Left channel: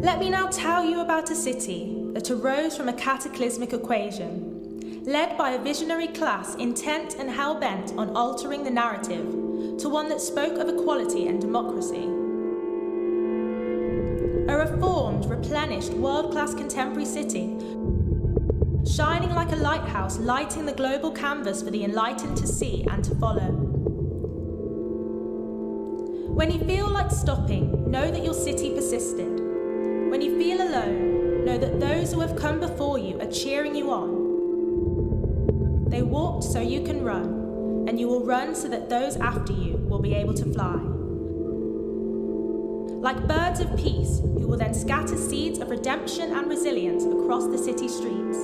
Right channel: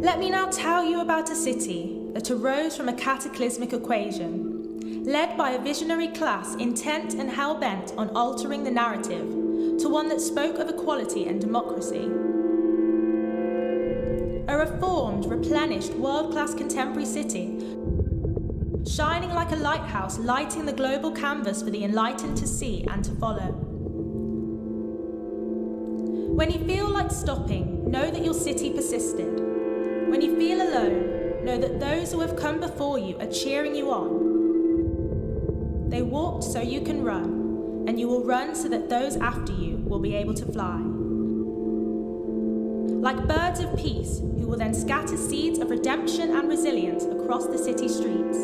Let me now tell you about a city that arose from a cataclysmic equation, led by a visionary class intent and hell-bent on altering the narrative to one that spoke of equality and democracy. A reformed, replenished, world-class contemporary city, shining like a lighthouse, lighting the global canvas for the enlightened to see and to follow. When you feel like stopping, know that your city persisted. When you feel alone, know that those who have come before you are cheering you on. They walked so you can run, and you will run so that those after you will be able to fly. Like birds of peace, who will then scatter seeds of redemption and resilience across the city streets.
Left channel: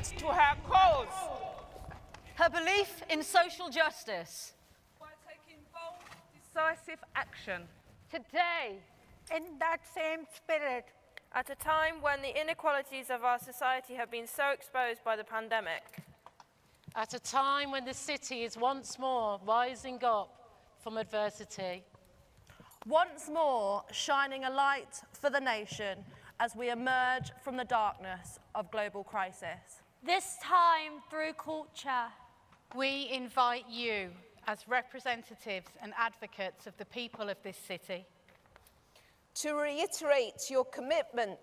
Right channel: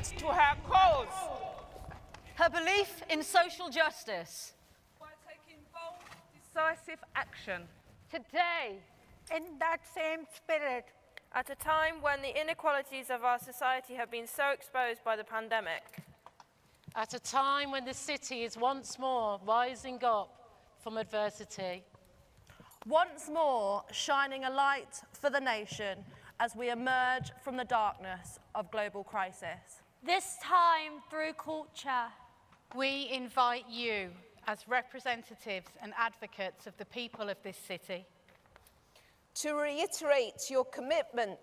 commitment to her cause. Her belief in social justice. By taking bold, decisive action. Today, in that same spirit, at a time when the inequalities of our society have been so exposed by the pandemic. at a time when the city is once more rising up from adversity. Once more shining a light for the nation as we emerge from the darkness of global crisis. This time through culture, we invite you as representatives and advocates of the people of this city to reiterate your commitment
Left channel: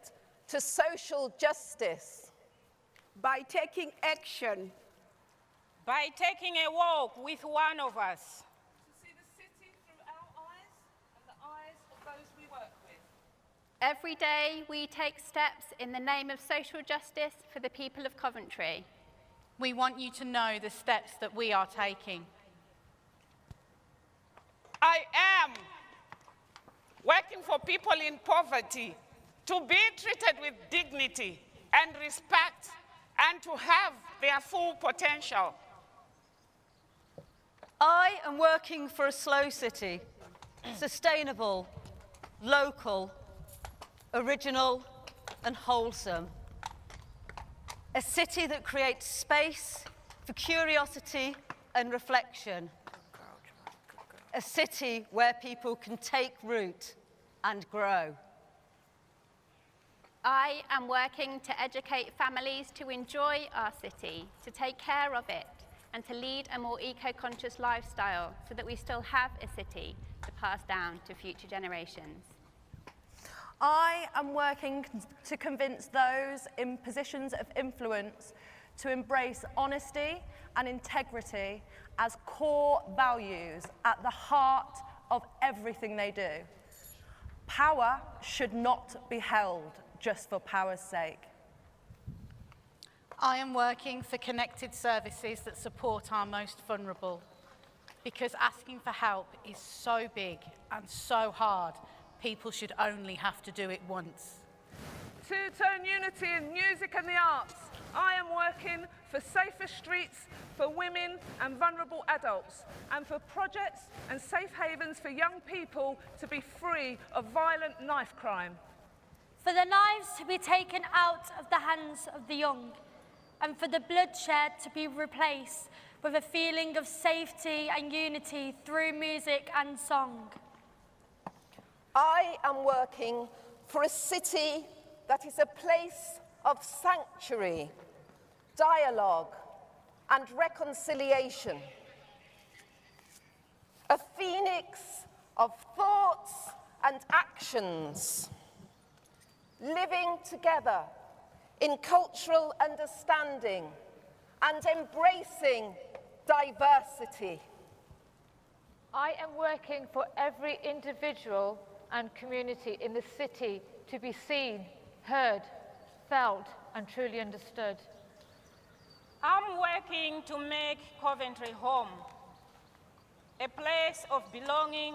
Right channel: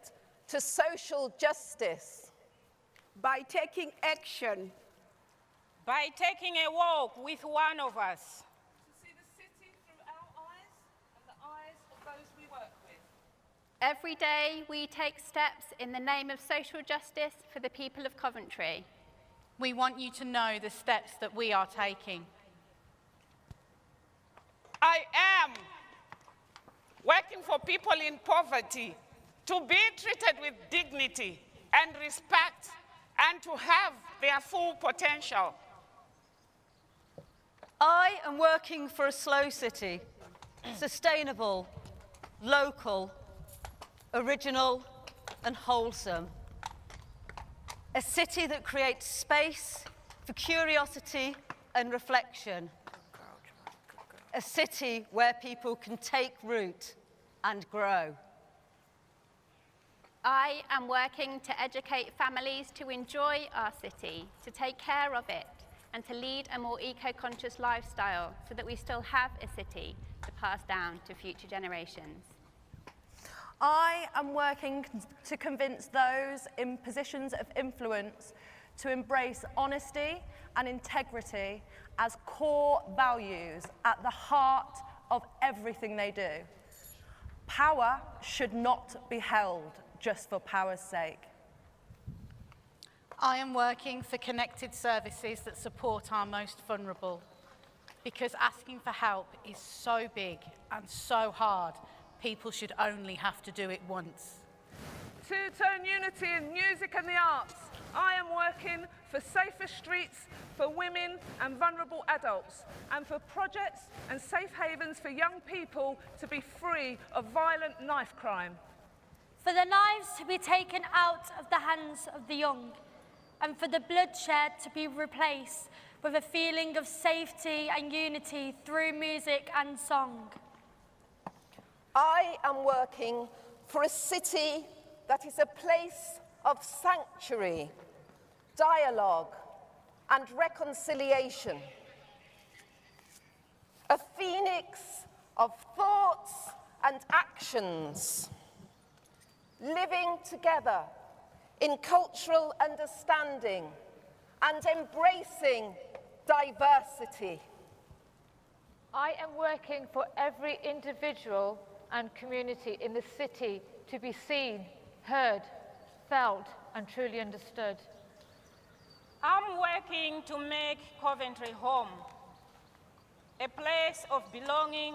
to social justice by taking action, by taking a walk with one of us, to see the city through our eyes and the eyes of those we work with. Every day we take steps in the name of social justice for the people of Coventry. We want you to know the steps that we are taking. I am working for people in poverty to be treated with dignity and respect and to have their full potential. I am working for a slow city, sustainable, local, original and wholesome. A city that creates space for curiosity and reflection. A city where people can take root and grow. I am working to educate families to enjoy our city, to take care of it, and to lead a more eco-conscious lifestyle so that we still have a city to pass down to future generations. I am working to convince those in positions of influence to embrace honesty and integrity as core values at the heart of everything they do. Power should not be held just for power's sake. I am working for connected services that support our most vulnerable, because asking for help is so big and so hard, people should only have to do it once. To turn unity in music and the arts, I am working for safer streets for women and vulnerable adults, and for projects and safe havens for young people to be free of violent knife crime. for the knives to be taken out of the hands of the young, and for the bloodshed to be replaced with a feeling of safety and unity through music and song. I am working for a city that is a place of sanctuary, dialogue, and reconciliation. A phoenix of thoughts and actions, living together in cultural understanding and embracing diversity. I am working for every individual and community in the city to be seen, heard, felt, and truly understood. I'm working to make Coventry home, a place of belonging,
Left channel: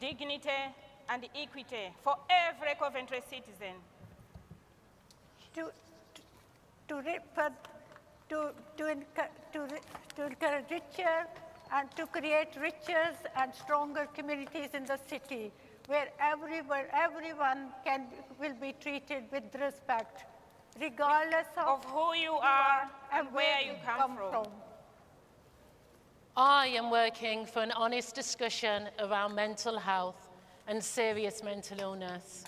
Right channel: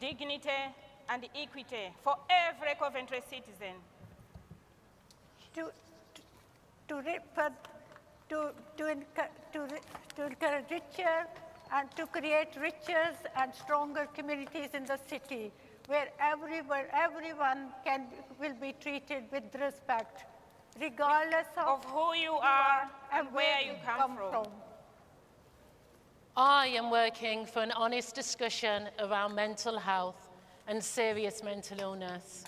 dignity, and equity for every Coventry citizen. To encourage richer and to create richer and stronger communities in the city, where everyone will be treated with respect, regardless of who you are and where you come from. I am working for an honest discussion around mental health and serious mental illness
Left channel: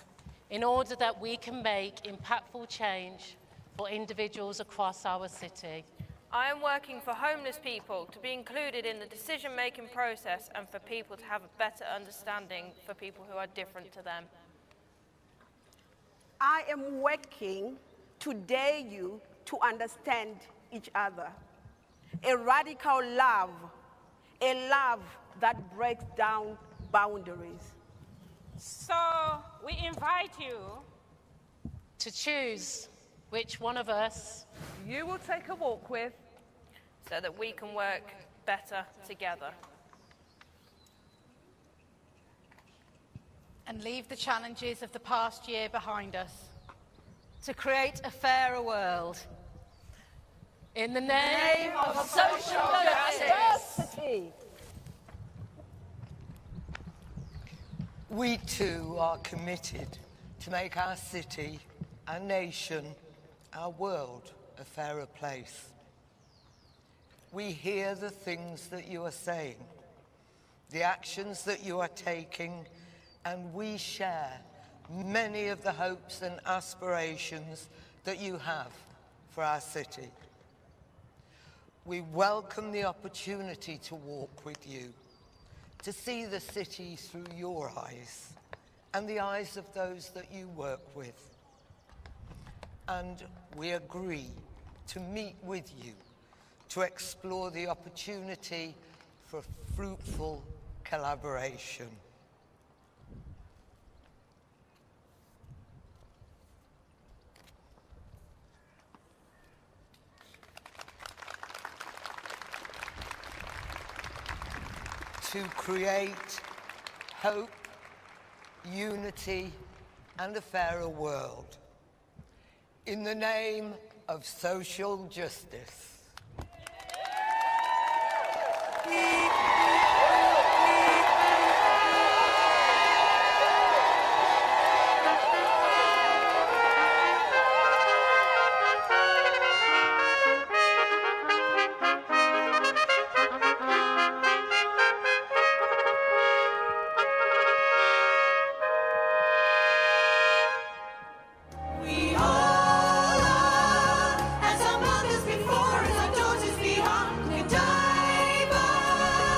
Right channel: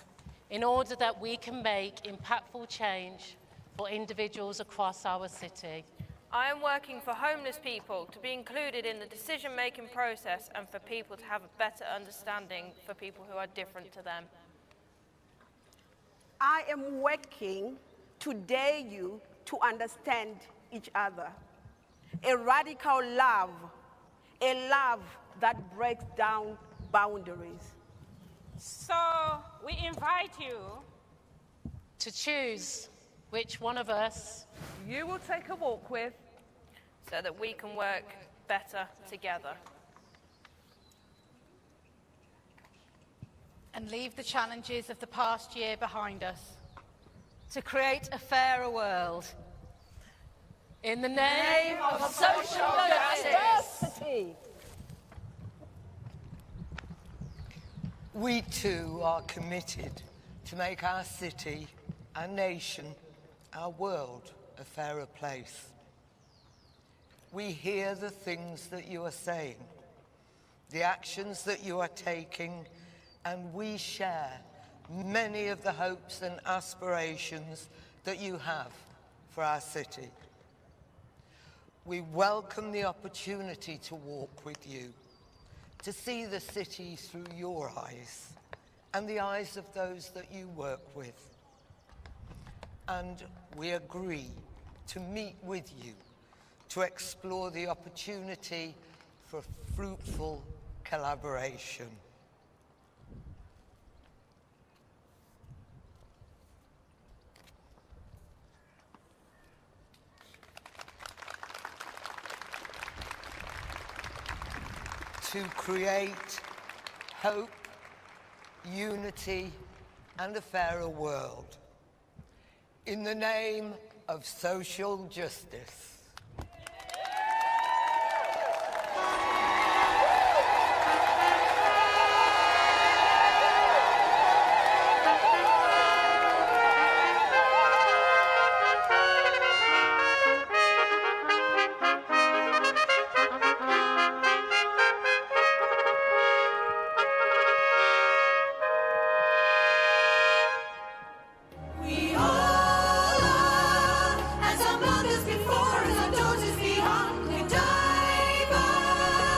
in order that we can make impactful change for individuals across our city. I am working for homeless people to be included in the decision-making process and for people to have a better understanding for people who are different to them. I am working to dare you to understand each other. A radical love, a love that breaks down boundaries. So we invite you to choose which one of us you will take a walk with, so that we can work better together. And leave the challenges of the past year behind us. To create a fairer world. In the name of social justice. We too are committed to make our city, our nation, our world a fairer place. We hear the things that you are saying, the actions that you are taking, and we share many of the hopes and aspirations that you have for our city. We welcome the opportunity to walk with you, to see the city through your eyes and the eyes of those that you work with. And we agree to meet with you to explore the opportunity for fruitful collaboration. To create hope, unity, and a fairer world. In the name of social justice. As our mothers before, as our daughters beyond, Godivas.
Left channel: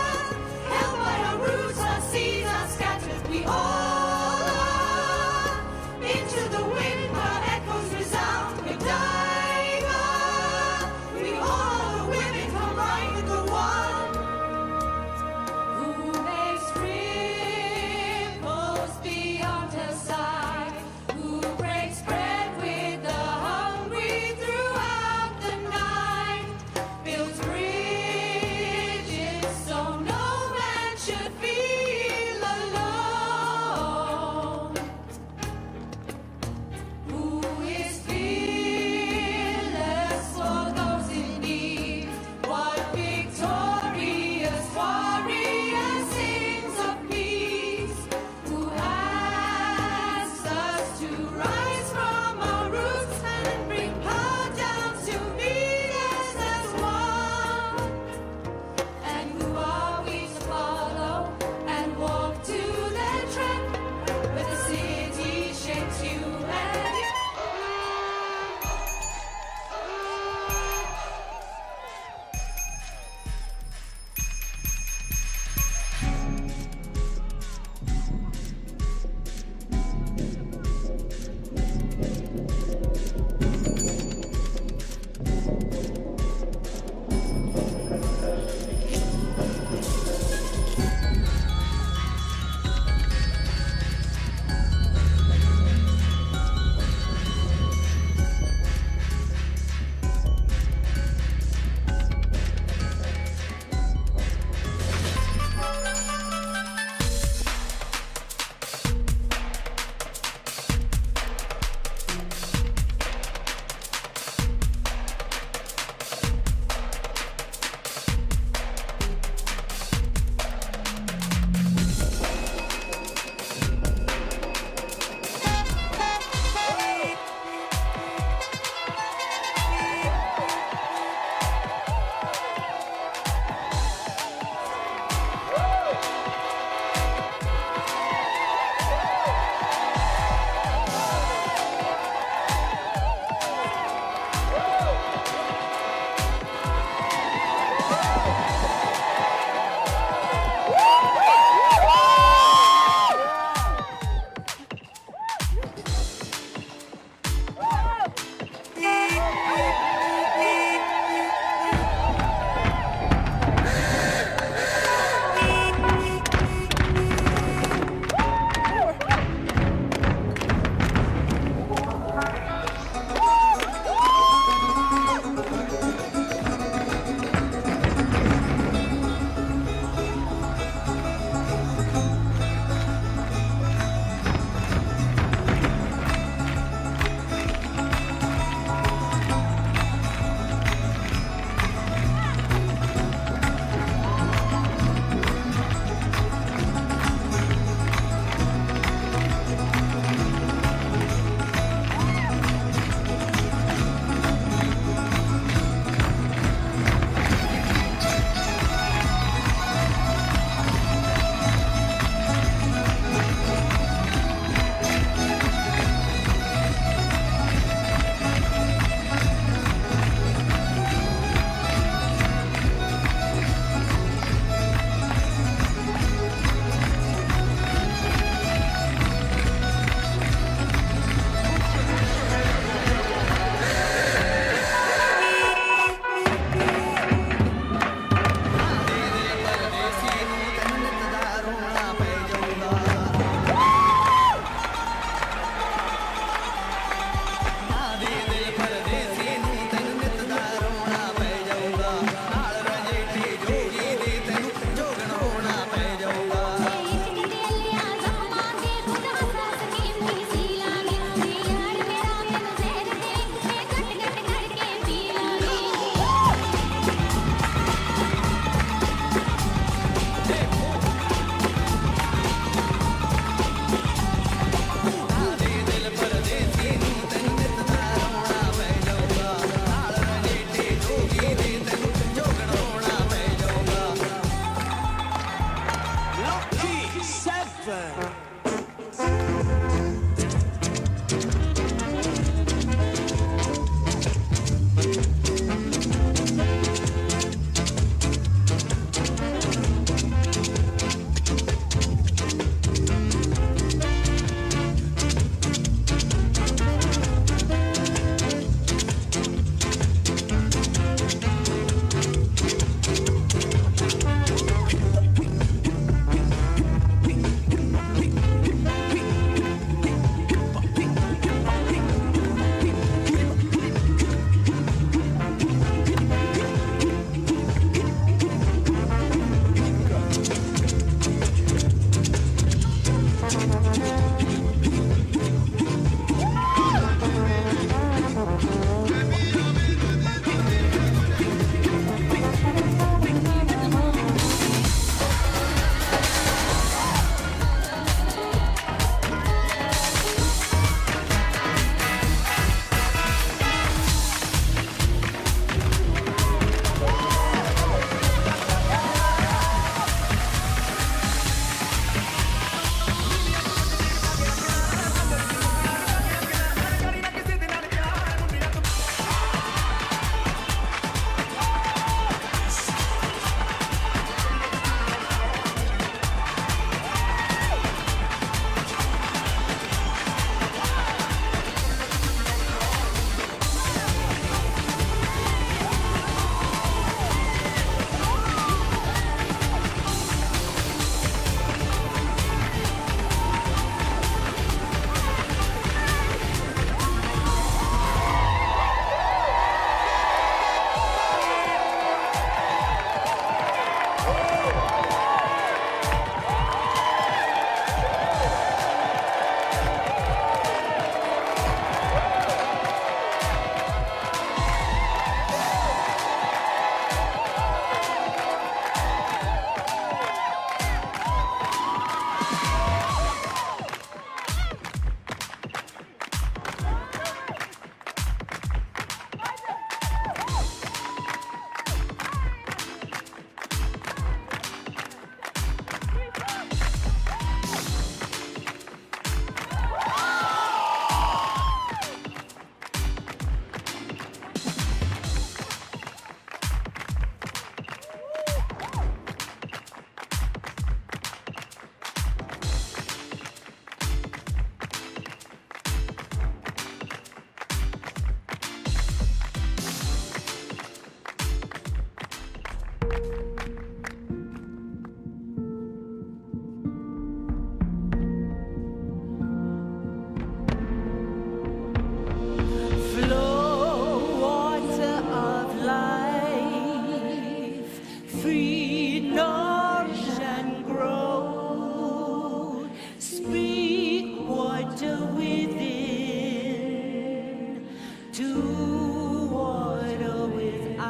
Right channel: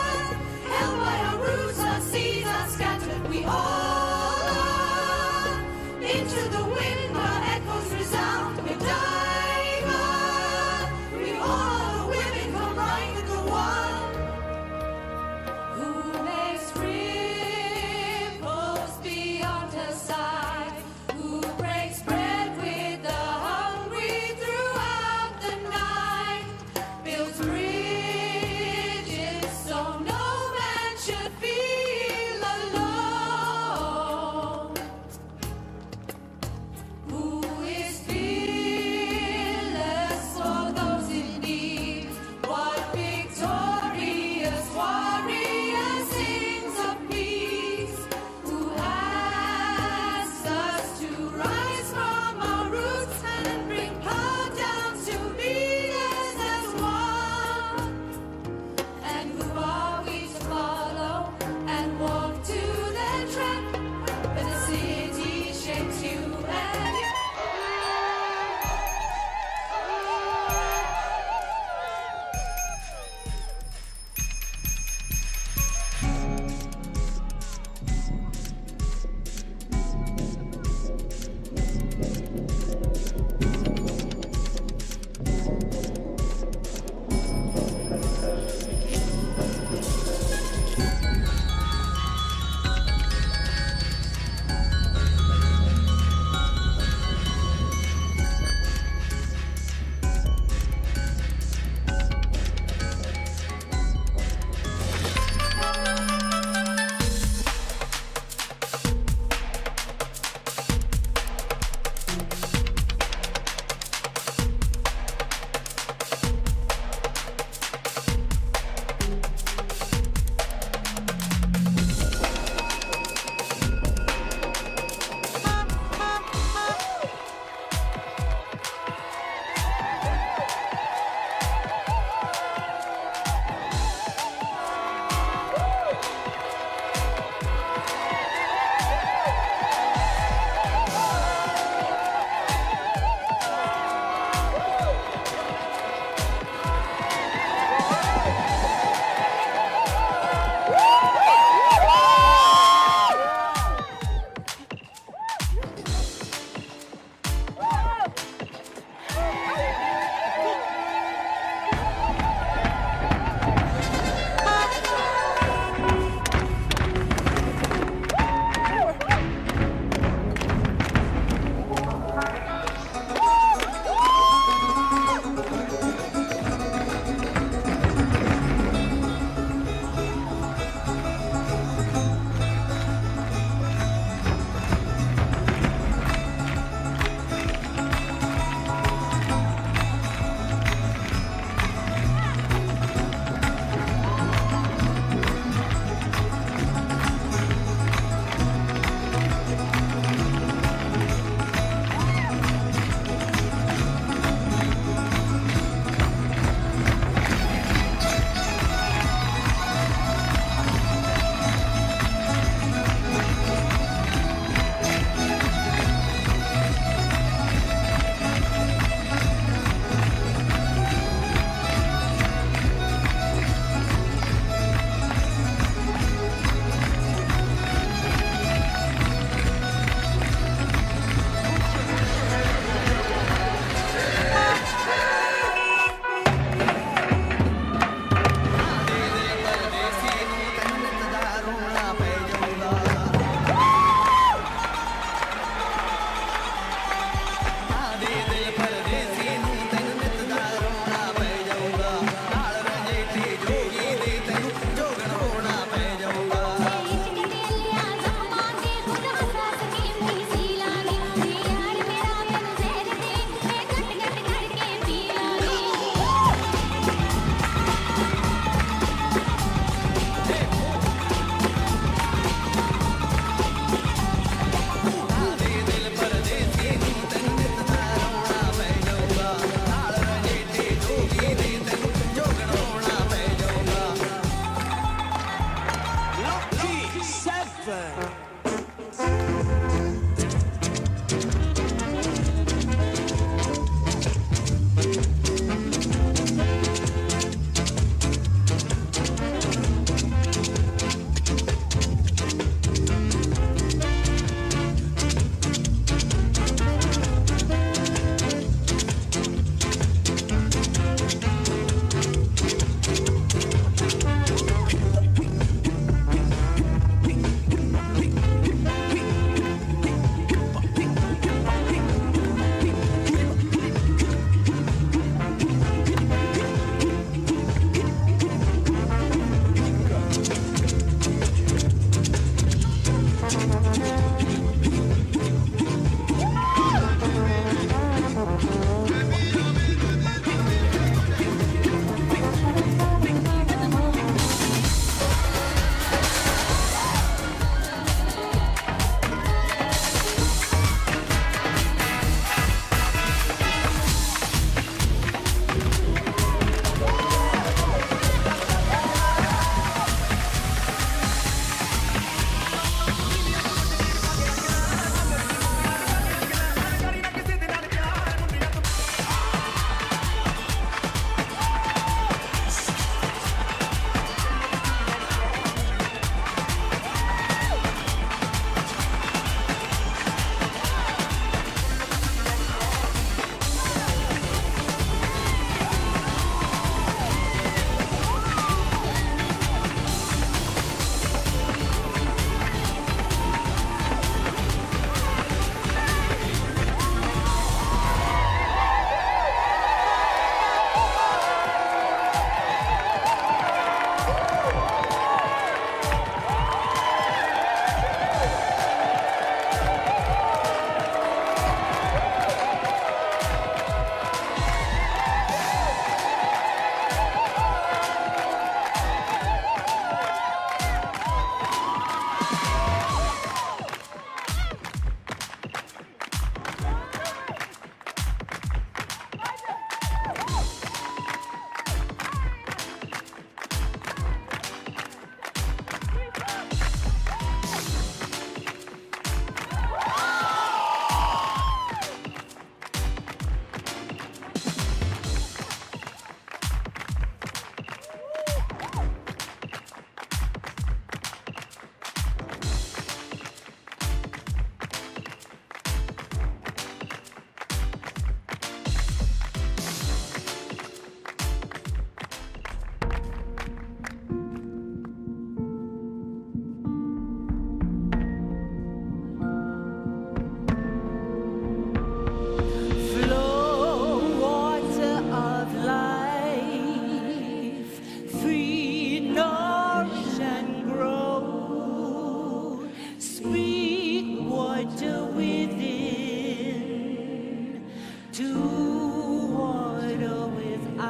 into water without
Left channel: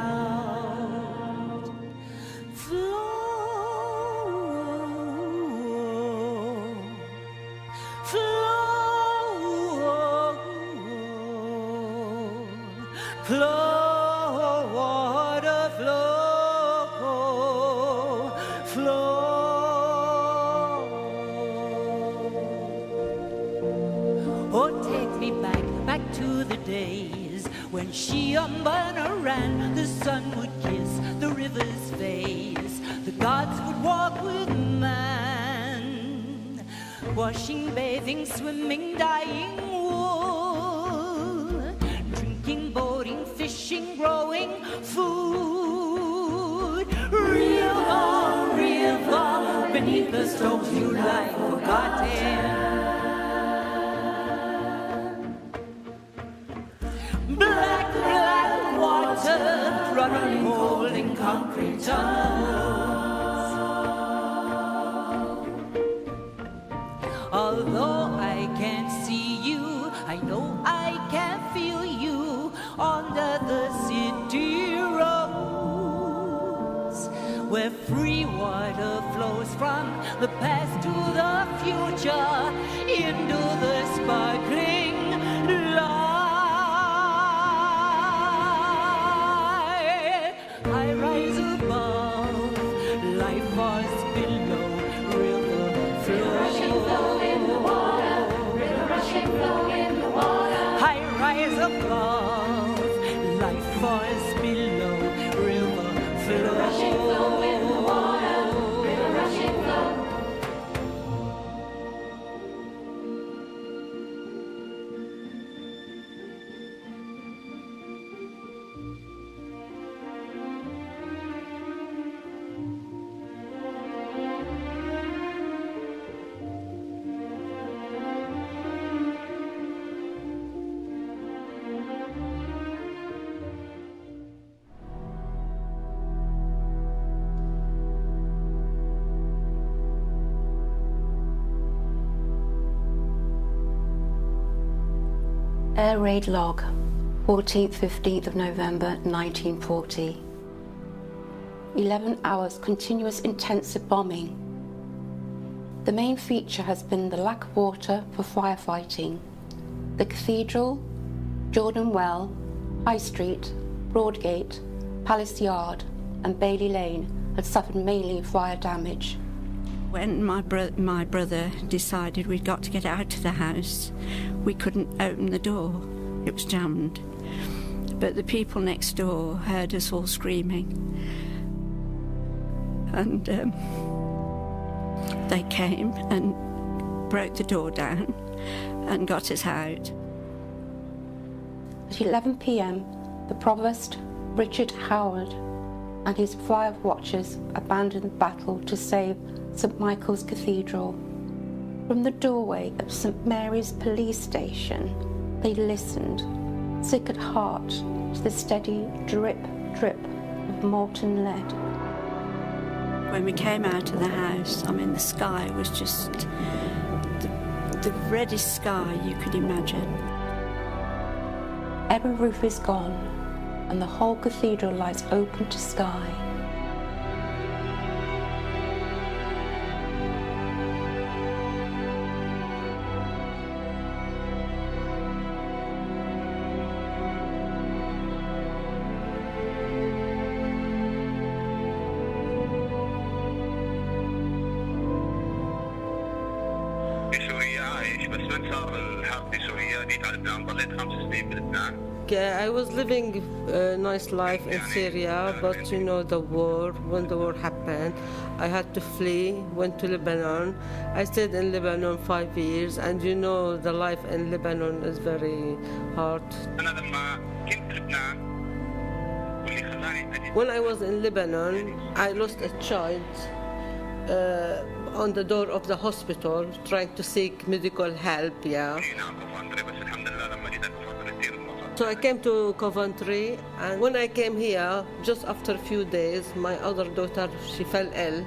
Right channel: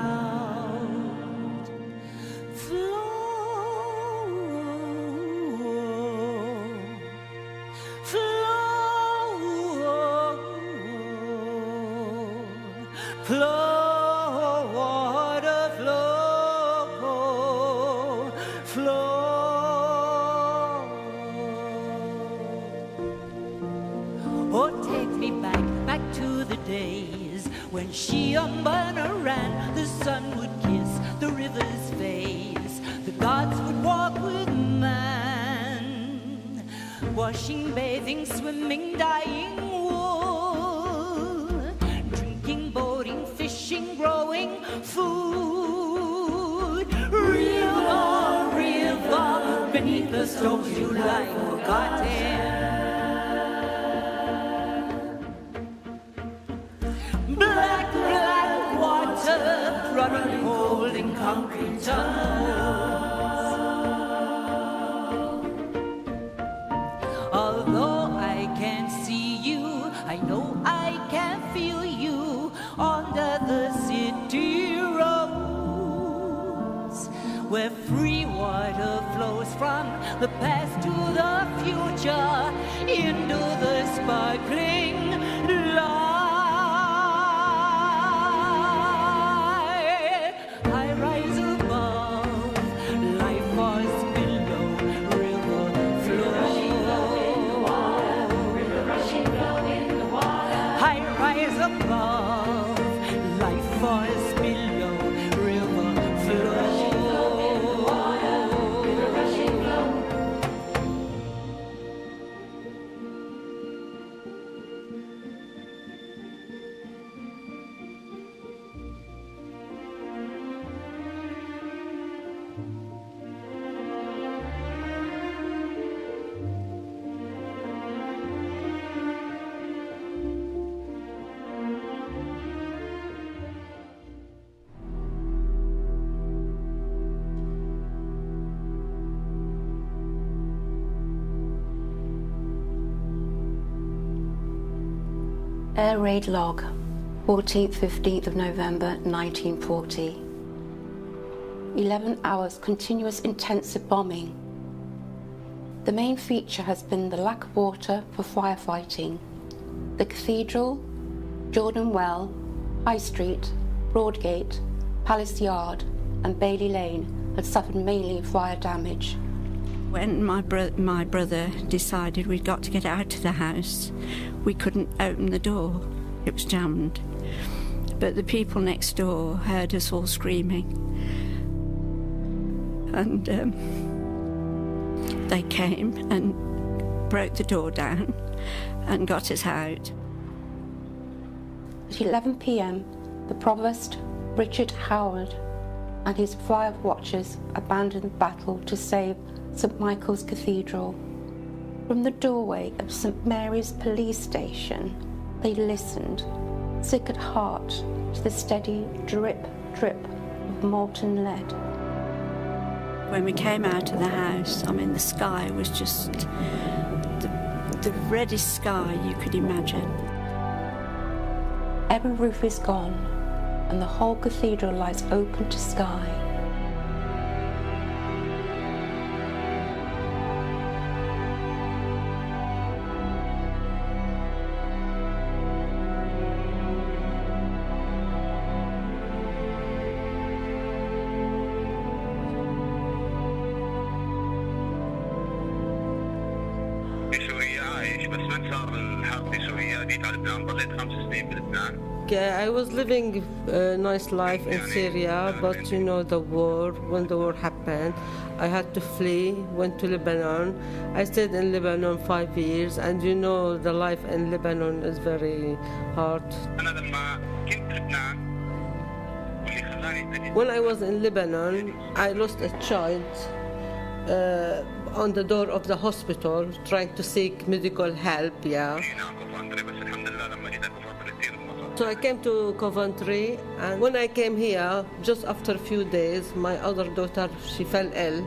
flow, flow, flow, water flow, flow. Oh, take me back to the days when she and Burner ran. The sun would kiss the river's face. The gods would walk with man. Washing, bathing, swimming, dyeing wool. Drinking, boating, fishing, growing food. River, river, beneath the strokes you lie forgotten. Black, black water, running hole in concrete tunnels. Although I can't see you, I know I can feel you under the city roads, where free water flows from the past to the future into the sparkling light. Air Raid Log, 14th, 15th of November 1940. 11 hours continuous intensive bombing. The main feature has been the lack of water for firefighting. The Cathedral, Jordan Well, High Street, Broadgate, Palace Yard and Bailey Lane had suffered mainly fire damage. When my brother decided we'd got to get out of the house, we couldn't open the door. It was jammed. But the people next door heard us all screaming. And they came and broke the door down and got us out. At 11 p.m, the Provost, Richard Howard, and his fire watchers abandoned the battle to save St Michael's Cathedral. From the doorway of St Mary's police station, they listened, sick at heart, to the steady drip, drip of molten lead. When we came out of the house, the sky was just the reddest sky you could imagine. Every roof is gone, and the whole cathedral lies open to sky. I was living a nice life in Syria, but the war, when the war happened, I had to flee, went to Lebanon. I stayed in Lebanon 5 years, and the life in Lebanon is very hard. When I was in Lebanon, I lost a child on the door of the hospital, trying to seek medical help, So I came to Coventry, and when I came here, just after a few days, my other daughter, she fell ill.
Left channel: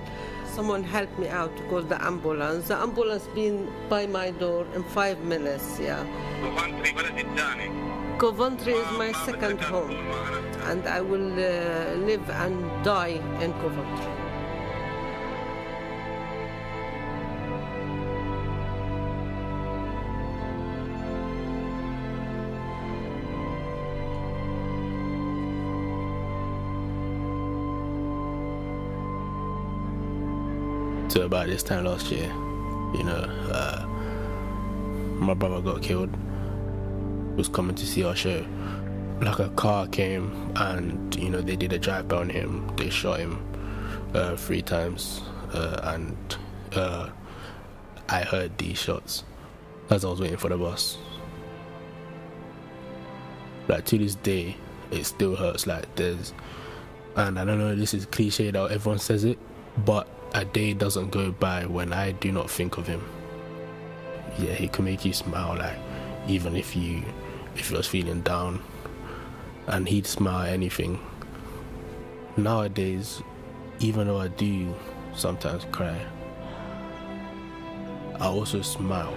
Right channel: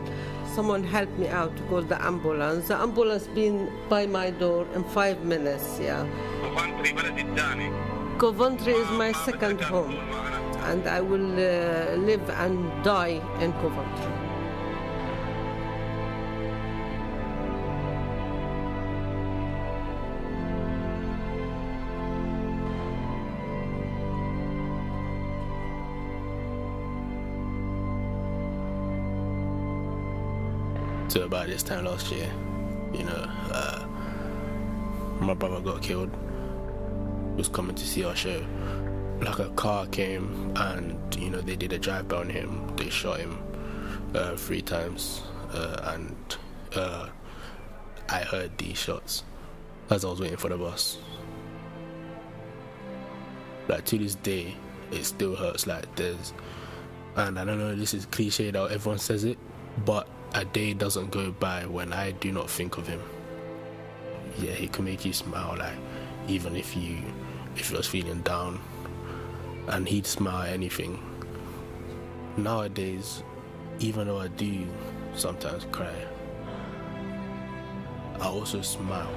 Someone helped me out to call the ambulance. The ambulance been by my door in 5 minutes, Coventry is my second home, and I will live and die in Coventry. So about this time last year, my brother got killed. He was coming to see our show. Like a car came and, they did a drive-by on him. They shot him 3 times. And I heard these shots as I was waiting for the bus. Like, to this day, it still hurts. Like, and I don't know, this is cliche that everyone says it, but a day doesn't go by when I do not think of him. Yeah, he can make you smile, like, even if you was feeling down, and he'd smile at anything. Nowadays, even though I do sometimes cry, I also smile.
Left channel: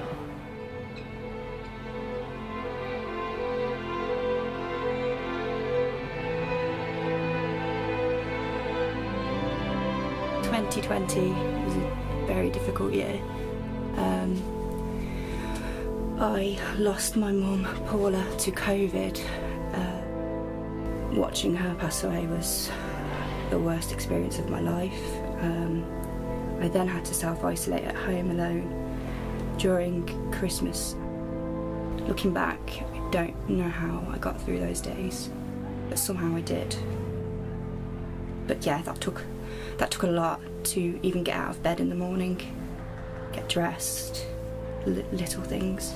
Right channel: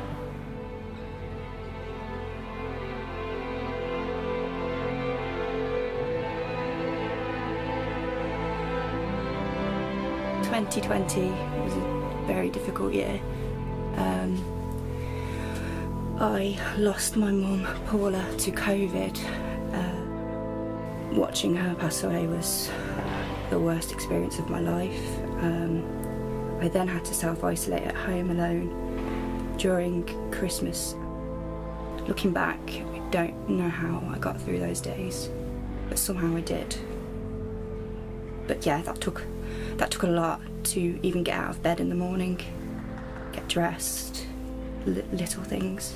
In 2020 was a very difficult year. I lost my mum, Paula, to COVID. Watching her pass away was the worst experience of my life. I then had to self-isolate at home alone during Christmas. Looking back, I don't know how I got through those days, but somehow I did. But yeah, that took a lot to even get out of bed in the morning, get dressed, little things.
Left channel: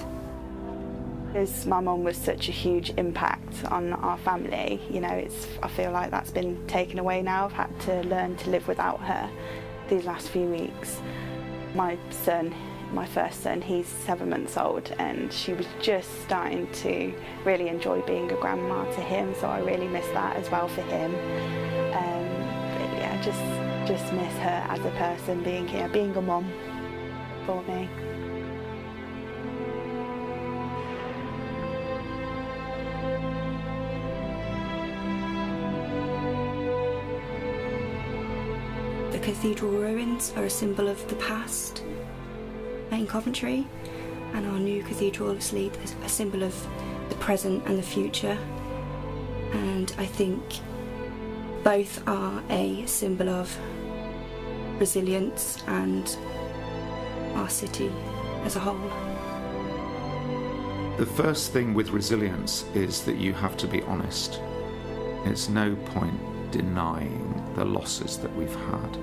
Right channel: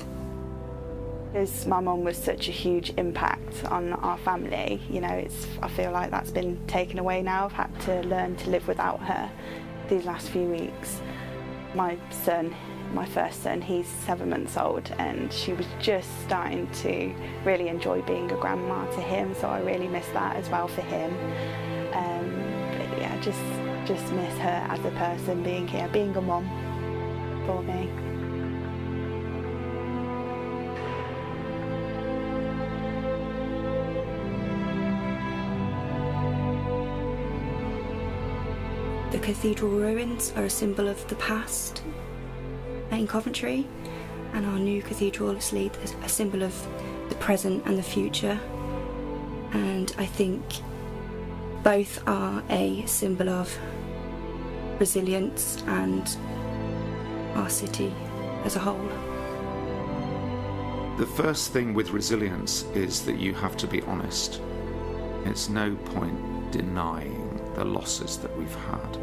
Because my mum was such a huge impact on our family, I feel like that's been taken away now. I've had to learn to live without her these last few weeks. My first son, he's 7 months old, and she was just starting to really enjoy being a grandma to him, so I really miss that as well for him. But yeah, just miss her as a person, being here, being a mum for me. The cathedral ruins are a symbol of the past in Coventry, and our new cathedral obviously is a symbol of the present and the future, and I think both are a symbol of resilience and our city as a whole. The first thing with resilience is that you have to be honest. It's no point denying the losses that we've had.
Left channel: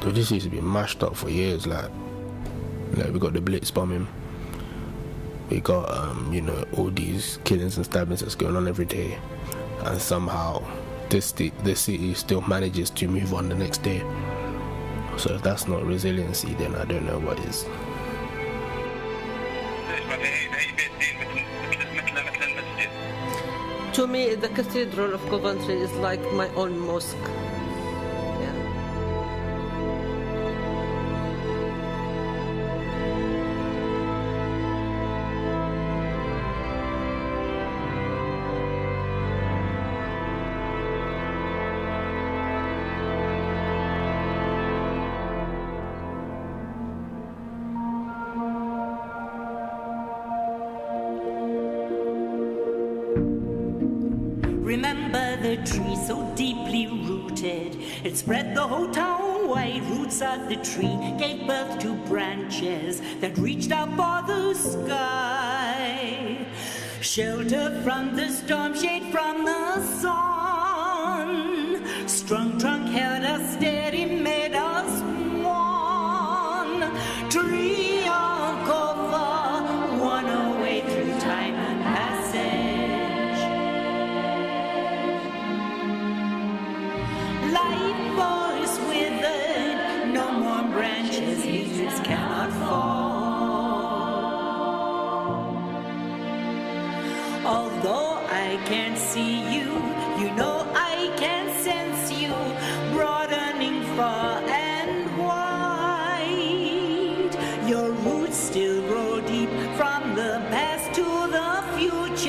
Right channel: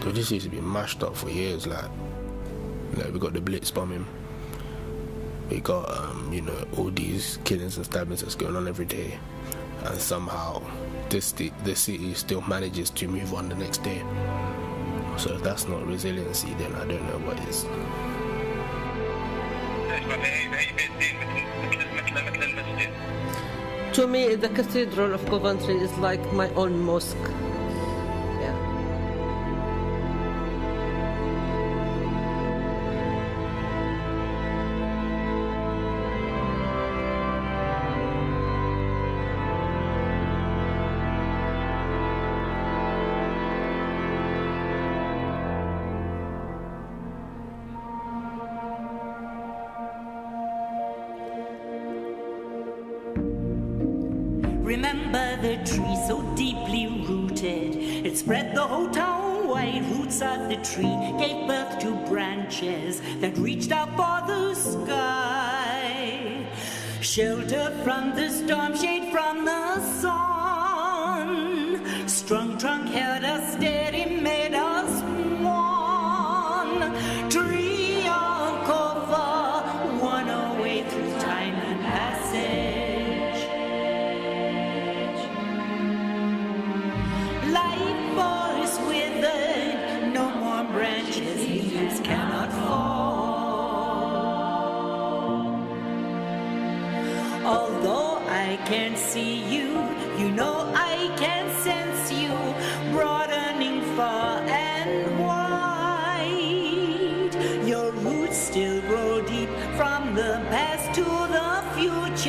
This used to be mashed up for years. We got the Blitz bombing. We got all these killings and stabbings that's going on every day, and somehow the city still manages to move on the next day. So if that's not resiliency, then I don't know what is. To me, the Cathedral of Coventry is like my own mosque. Remember the tree so deeply rooted, it spread the whole town wide. Roots of the tree gave birth to branches that reached out for the sky. Shelter from the storm, shade from the sun. Strong trunk held us steady, made us one. Tree of cover, one away through time and passage. Life force withered, no more branches, leaves cannot fall. Although I can't see you, you know I can sense you, broadening far and wide. Your roots still grow deep from the past to the future.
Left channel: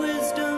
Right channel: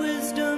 wisdom